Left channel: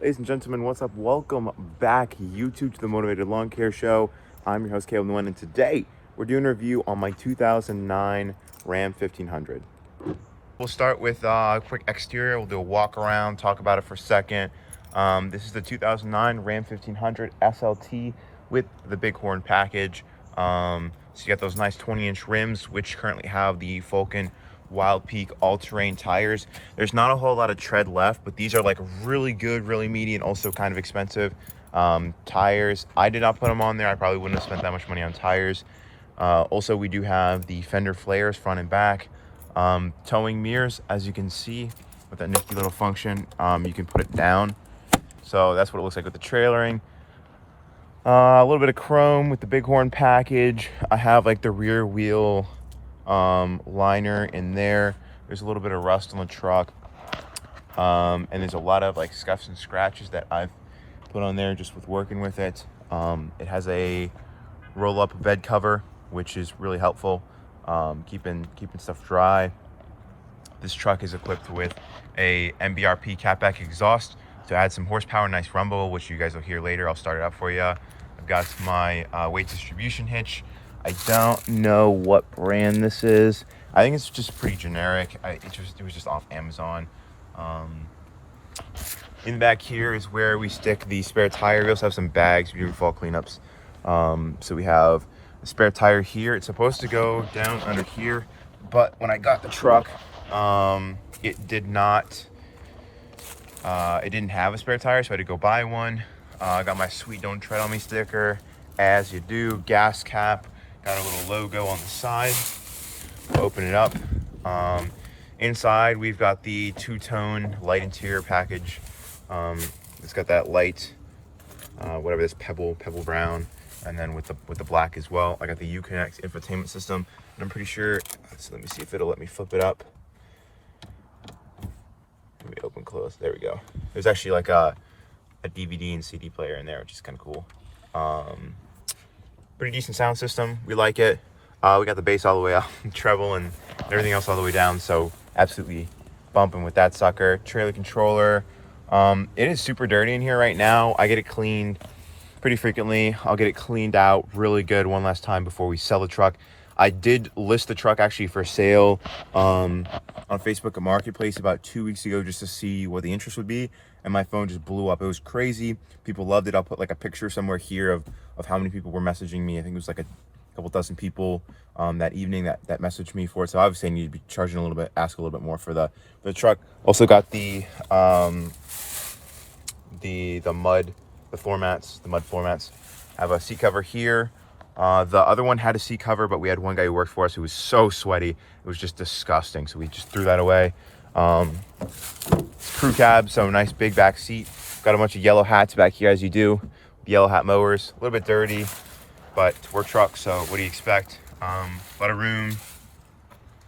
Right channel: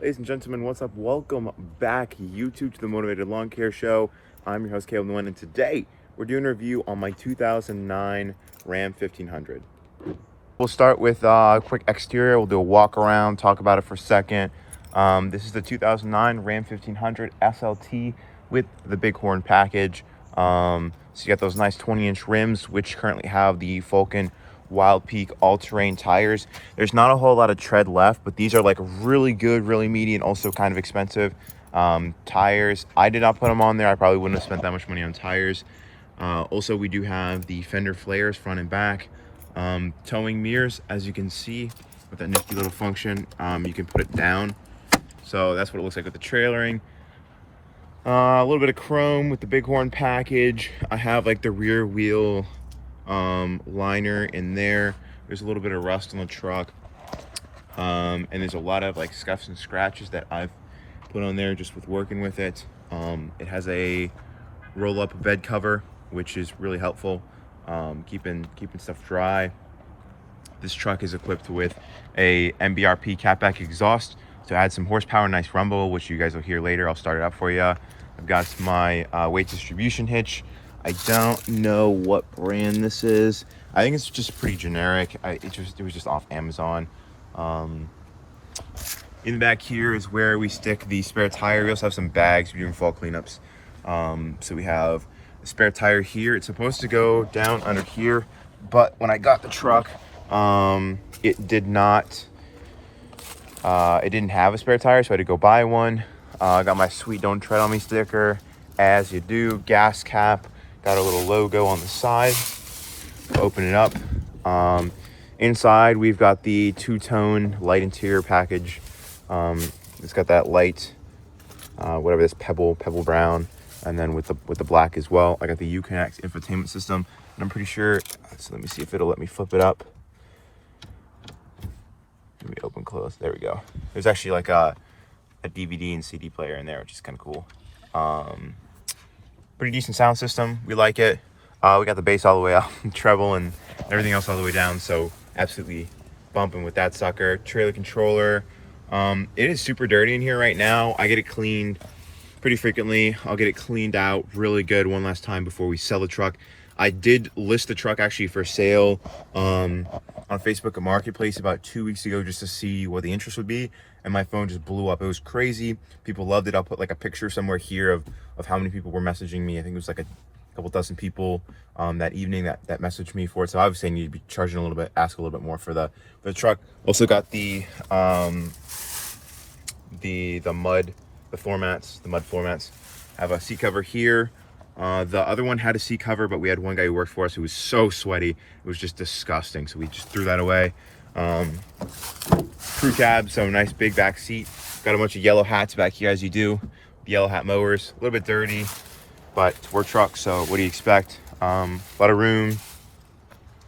Ladies and gentlemen, what's up? Welcome back, YouTube, to the Motivated Lawn Care Show. I'm your host, Caleb Nguyen, and today we're doing a review on my 2009 Ram 1500. We'll start with a quick exterior. We'll do a walk around, talk about it for a second. This is the 2009 Ram 1500 SLT with the Bighorn package. So you got those nice 20-inch rims, which currently have the Vulcan Wild Peak all-terrain tires. There's not a whole lot of tread left, but these are like really good, really meaty, and also kind of expensive tires. I did not put them on there. I probably wouldn't have spent that much money on tires. Also, we do have the fender flares front and back. Towing mirrors, as you can see with that nifty little function. You can put it down, so that's what it looks like with the trailering. A little bit of chrome with the Bighorn package. I have like the rear wheel liner in there. There's a little bit of rust on the truck, and there's a lot of like scuffs and scratches that I've put on there just with working with it. It has a roll-up bed cover, which is really helpful, keeping stuff dry. This truck is equipped with a MBRP catback exhaust to add some horsepower, nice rumble, which you guys will hear later. I'll start it up for you. I've got my weight distribution hitch. I don't know what brand this is. I think it's just pretty generic. It was just off Amazon. In the back here is where we stick the spare tire. We also have some bags. We're doing fall cleanups. So we have the spare tire here. It's supposed to go down under here, but when I got the truck, it didn't have a spare tire, so I had to go buy one. I got my sweet "Don't Tread on Me" sticker, as you do. Gas cap, got a little logo on the side. We'll open it up. Inside we've got the two-tone light interior package. It's got that light, whatever this pebble brown, and then with the black as well. I got the Uconnect infotainment system, and I'm pretty sure. So let me see if it'll let me flip it up. Let me open close. There we go. There's actually like a DVD and CD player in there, which is kind of cool. Pretty decent sound system. We like it. We got the bass all the way up, treble and everything else all the way down. So absolutely bumping with that sucker. Trailer controller. It is super dirty in here right now. I get it cleaned pretty frequently. I'll get it cleaned out really good one last time before we sell the truck. I did list the truck actually for sale on Facebook Marketplace about 2 weeks ago just to see what the interest would be, and my phone just blew up. It was crazy. People loved it. I'll put like a picture somewhere here of how many people were messaging me. I think it was like a couple dozen people that evening that messaged me for it. So obviously I need to be charging a little bit, ask a little bit more for the truck. Also got the mud floor mats. I have a seat cover here. The other one had a seat cover, but we had one guy who worked for us who was so sweaty. It was just disgusting. So we just threw that away. Crew cab, so nice big back seat. Got a bunch of yellow hats back here, as you do. Yellow hat mowers, a little bit dirty, but it's a work truck, so what do you expect? A lot of room.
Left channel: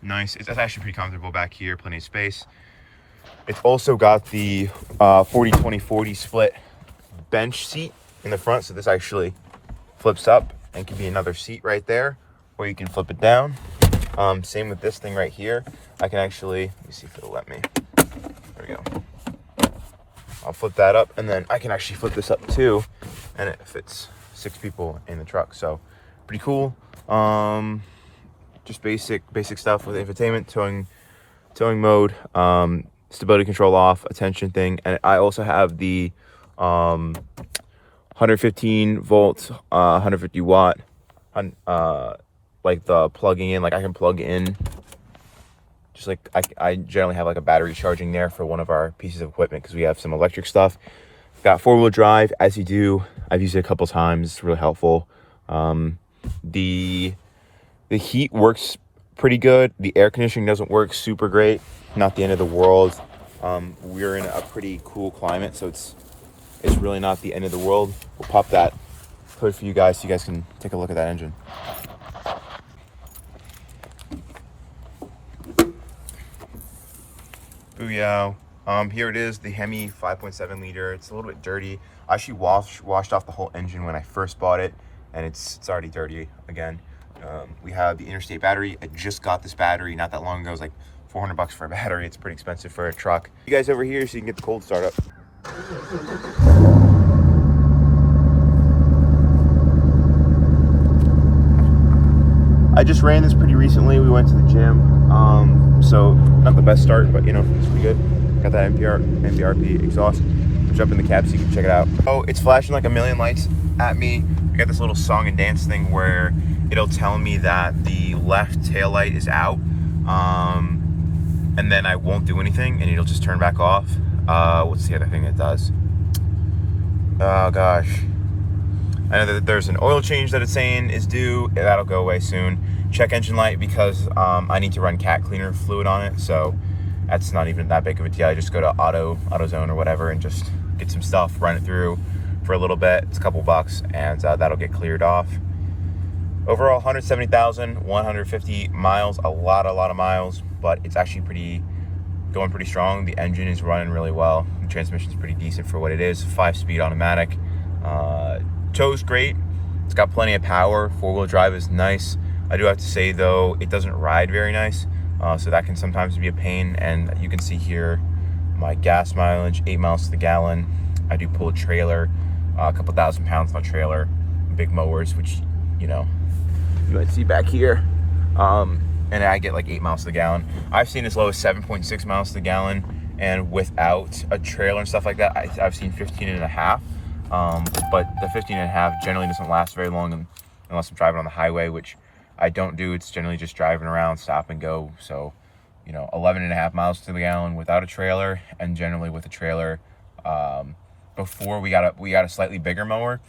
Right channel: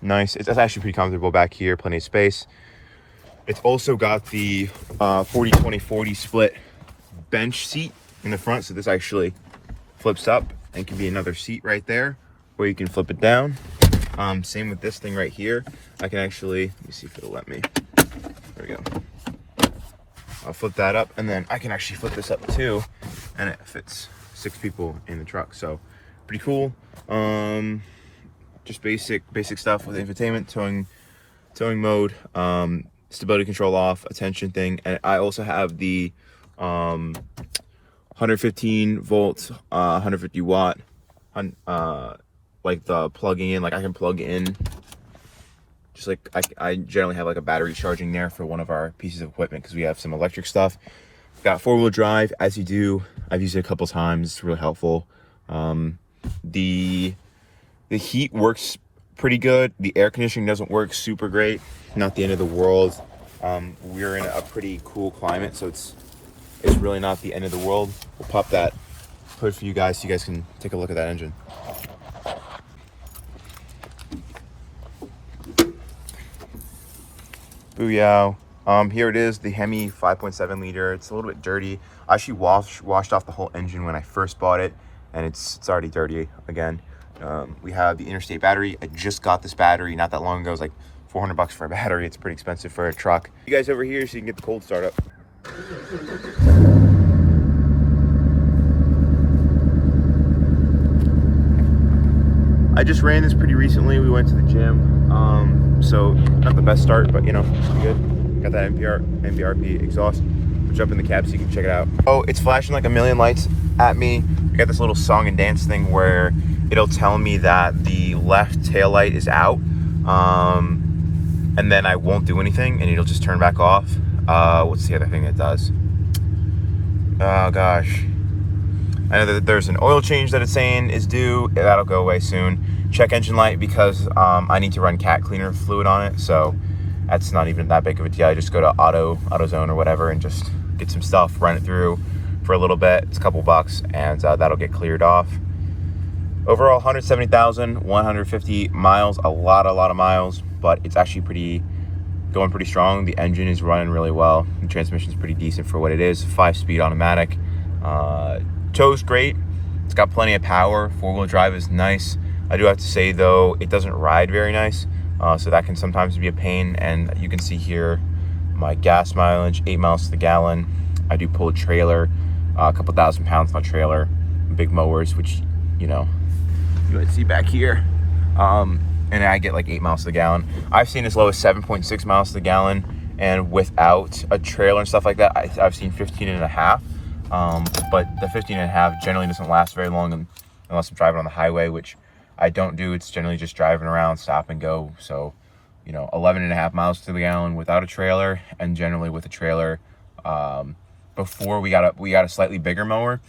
Nice. It's actually pretty comfortable back here, plenty of space. It's also got the 40-20-40 split bench seat in the front, so this actually flips up and can be another seat right there, or you can flip it down. Same with this thing right here. I can actually, let me see if it'll let me. There we go. I'll flip that up, and then I can actually flip this up too, and it fits 6 people in the truck. So pretty cool. Just basic stuff with infotainment, towing mode, stability control off, attention thing, and I also have the 115 volts, 150 watt, like the plugging in, like I can plug in, just like I generally have like a battery charging there for one of our pieces of equipment because we have some electric stuff. Got 4-wheel drive, as you do. I've used it a couple times. It's really helpful. The heat works pretty good. The air conditioning doesn't work super great. Not the end of the world. We're in a pretty cool climate, so it's really not the end of the world. We'll pop that hood for you guys so you guys can take a look at that engine. Booyah. Here it is, the Hemi 5.7 liter. It's a little bit dirty. I actually washed off the whole engine when I first bought it, and it's already dirty again. We have the interstate battery. I just got this battery not that long ago. It was like $400 for a battery. It's pretty expensive for a truck. You guys over here so you can get the cold start up. I just ran this pretty recently. We went to the gym, so not the best start, but you know, it's pretty good. Got that NPRP exhaust. I'll jump in the cab so you can check it out. Oh, it's flashing like a million lights at me. I got this little song and dance thing where it'll tell me that the left tail light is out, and then I won't do anything, and it'll just turn back off. What's the other thing it does? Oh gosh. I know that there's an oil change that it's saying is due. That'll go away soon. Check engine light because I need to run cat cleaner fluid on it. So that's not even that big of a deal. I just go to AutoZone or whatever and just get some stuff, run it through for a little bit. It's a couple bucks and that'll get cleared off. Overall, 170,150 miles, a lot of miles, but it's actually going pretty strong. The engine is running really well. The transmission's pretty decent for what it is. 5-speed automatic. Tow's great. It's got plenty of power. 4-wheel drive is nice. I do have to say though, it doesn't ride very nice. So that can sometimes be a pain. And you can see here my gas mileage, 8 miles to the gallon. I do pull a trailer, a couple thousand pounds on a trailer, big mowers, which, you know, you might see back here. And I get like 8 miles to the gallon. I've seen as low as 7.6 miles to the gallon. And without a trailer and stuff like that, I've seen 15 and a half. But the 15 and a half generally doesn't last very long unless I'm driving on the highway, which I don't do. It's generally just driving around, stop and go. So, you know, 11 and a half miles to the gallon without a trailer, and generally with a trailer. Before we got a slightly bigger mower.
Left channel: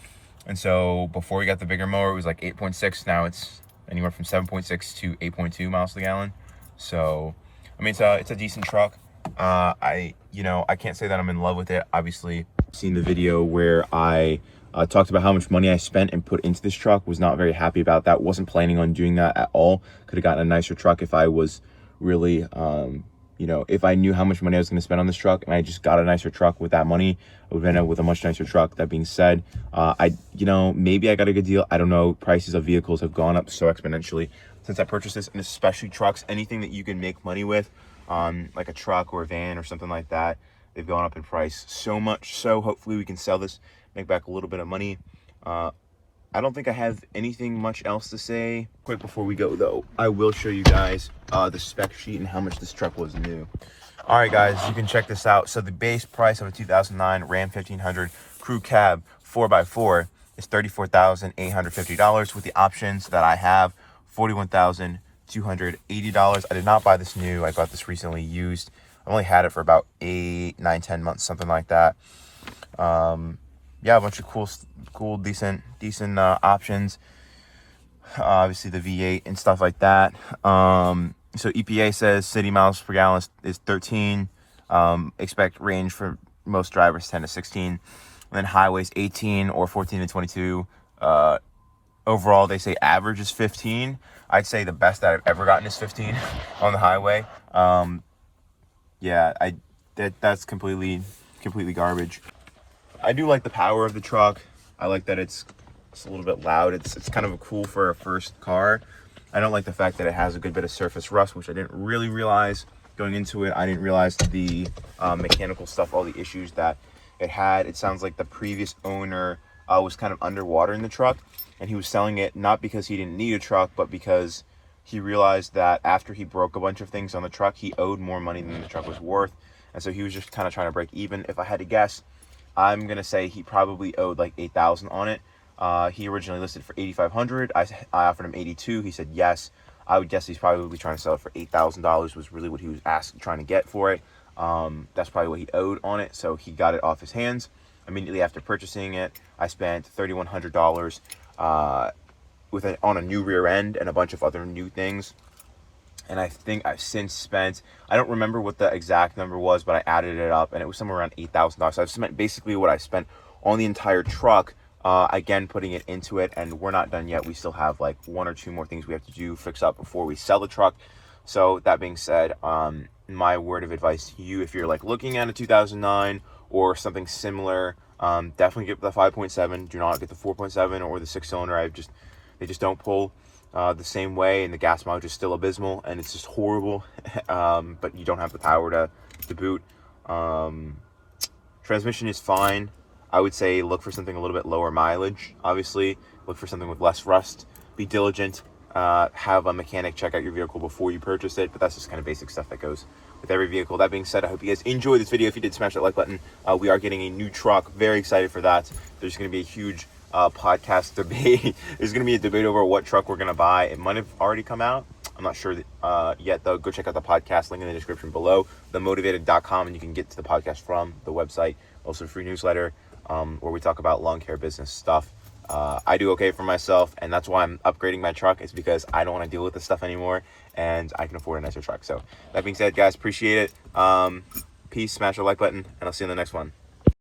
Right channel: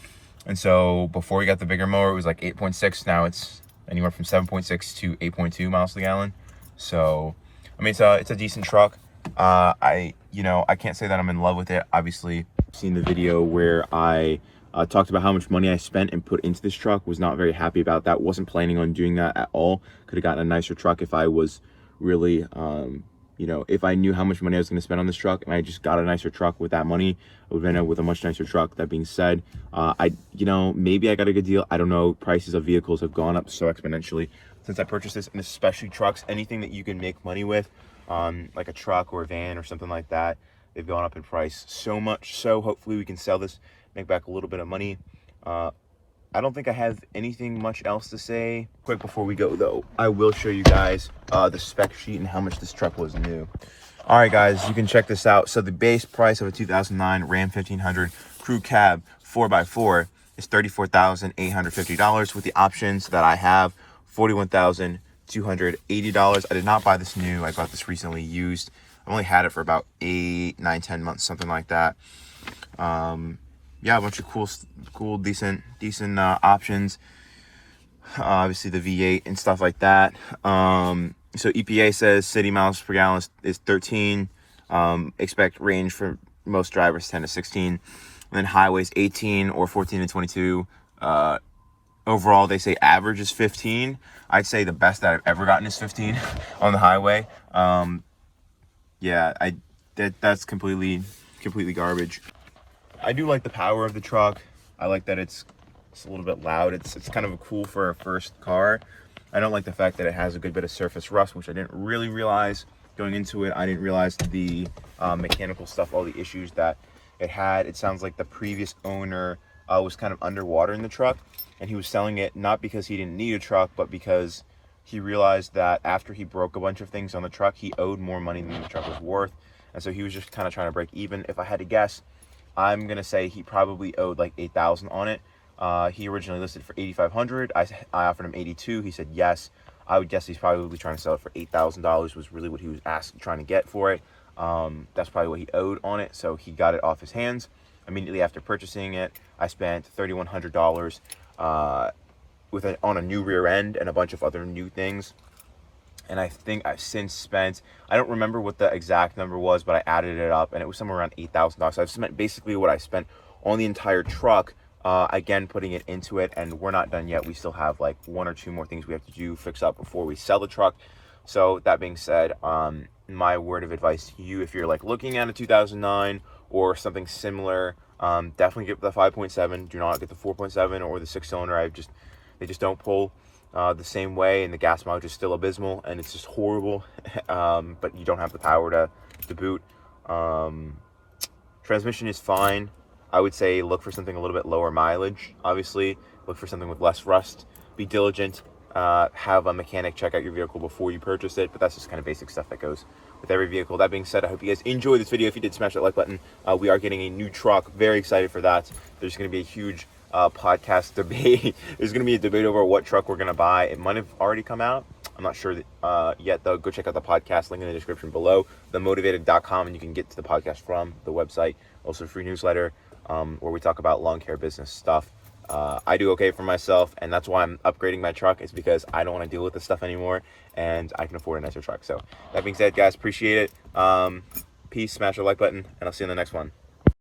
And so before we got the bigger mower, it was like 8.6. Now it's anywhere from 7.6 to 8.2 miles to the gallon. So, I mean, it's a decent truck. I can't say that I'm in love with it. Obviously, seen the video where I talked about how much money I spent and put into this truck. Was not very happy about that. Wasn't planning on doing that at all. Could have gotten a nicer truck if I was really, if I knew how much money I was going to spend on this truck and I just got a nicer truck with that money, I would have ended up with a much nicer truck. That being said, maybe I got a good deal. I don't know. Prices of vehicles have gone up so exponentially since I purchased this, and especially trucks. Anything that you can make money with, like a truck or a van or something like that, they've gone up in price so much. So hopefully we can sell this, make back a little bit of money. I don't think I have anything much else to say. Quick before we go though, I will show you guys the spec sheet and how much this truck was new. All right guys, you can check this out. So the base price of a 2009 Ram 1500 Crew Cab 4x4 is $34,850 with the options that I have, $41,280. I did not buy this new. I got this recently used. I only had it for about 8, 9, 10 months, something like that. Yeah, a bunch of cool, decent options. Obviously the V8 and stuff like that. So EPA says city miles per gallon is 13. Expect range for most drivers 10 to 16. And then highways 18 or 14 to 22. Overall, they say average is 15. I'd say the best that I've ever gotten is 15 on the highway. Yeah, that's completely garbage. I do like the power of the truck. I like that it's a little bit loud. It's kind of cool for a first car. I don't like the fact that it has a good bit of surface rust, which I didn't really realize going into it. I didn't realize the mechanical stuff, all the issues that it had. It sounds like the previous owner was kind of underwater in the truck, and he was selling it not because he didn't need a truck, but because he realized that after he broke a bunch of things on the truck, he owed more money than the truck was worth. And so he was just kind of trying to break even. If I had to guess, I'm going to say he probably owed like $8,000 on it. He originally listed for $8,500. I offered him $82,000. He said yes. I would guess he's probably trying to sell it for $8,000 was really what he was trying to get for it. That's probably what he owed on it. So he got it off his hands. Immediately after purchasing it, I spent $3,100 on a new rear end and a bunch of other new things. And I think I've since spent, I don't remember what the exact number was, but I added it up and it was somewhere around $8,000. So I've spent basically what I spent on the entire truck, again, putting it into it. And we're not done yet. We still have like 1 or 2 more things we have to do, fix up before we sell the truck. So that being said, my word of advice to you, if you're like looking at a 2009 or something similar, definitely get the 5.7. Do not get the 4.7 or the 6-cylinder. They just don't pull the same way, and the gas mileage is still abysmal, and it's just horrible. But you don't have the power to boot. Trying Transmission is fine. I would say look for something a little bit lower mileage. Obviously, look for something with less rust. Be diligent. Have a mechanic check out your vehicle before you purchase it, but that's just kind of basic stuff that goes with every vehicle. That being said, I hope you guys enjoyed this video. If you did, smash that like button. We are getting a new truck. Very excited for that. There's going to be a huge podcast debate. There's going to be a debate over what truck we're going to buy. It might have already come out. I'm not sure yet, though. Go check out the podcast, link in the description below, themotivated.com, and you can get to the podcast from the website. Also, a free newsletter where we talk about lawn care business stuff. I do okay for myself, and that's why I'm upgrading my truck. It's because I don't want to deal with this stuff anymore, and I can afford a nicer truck. So that being said, guys, appreciate it. Peace, smash the like button, and I'll see you in the next one.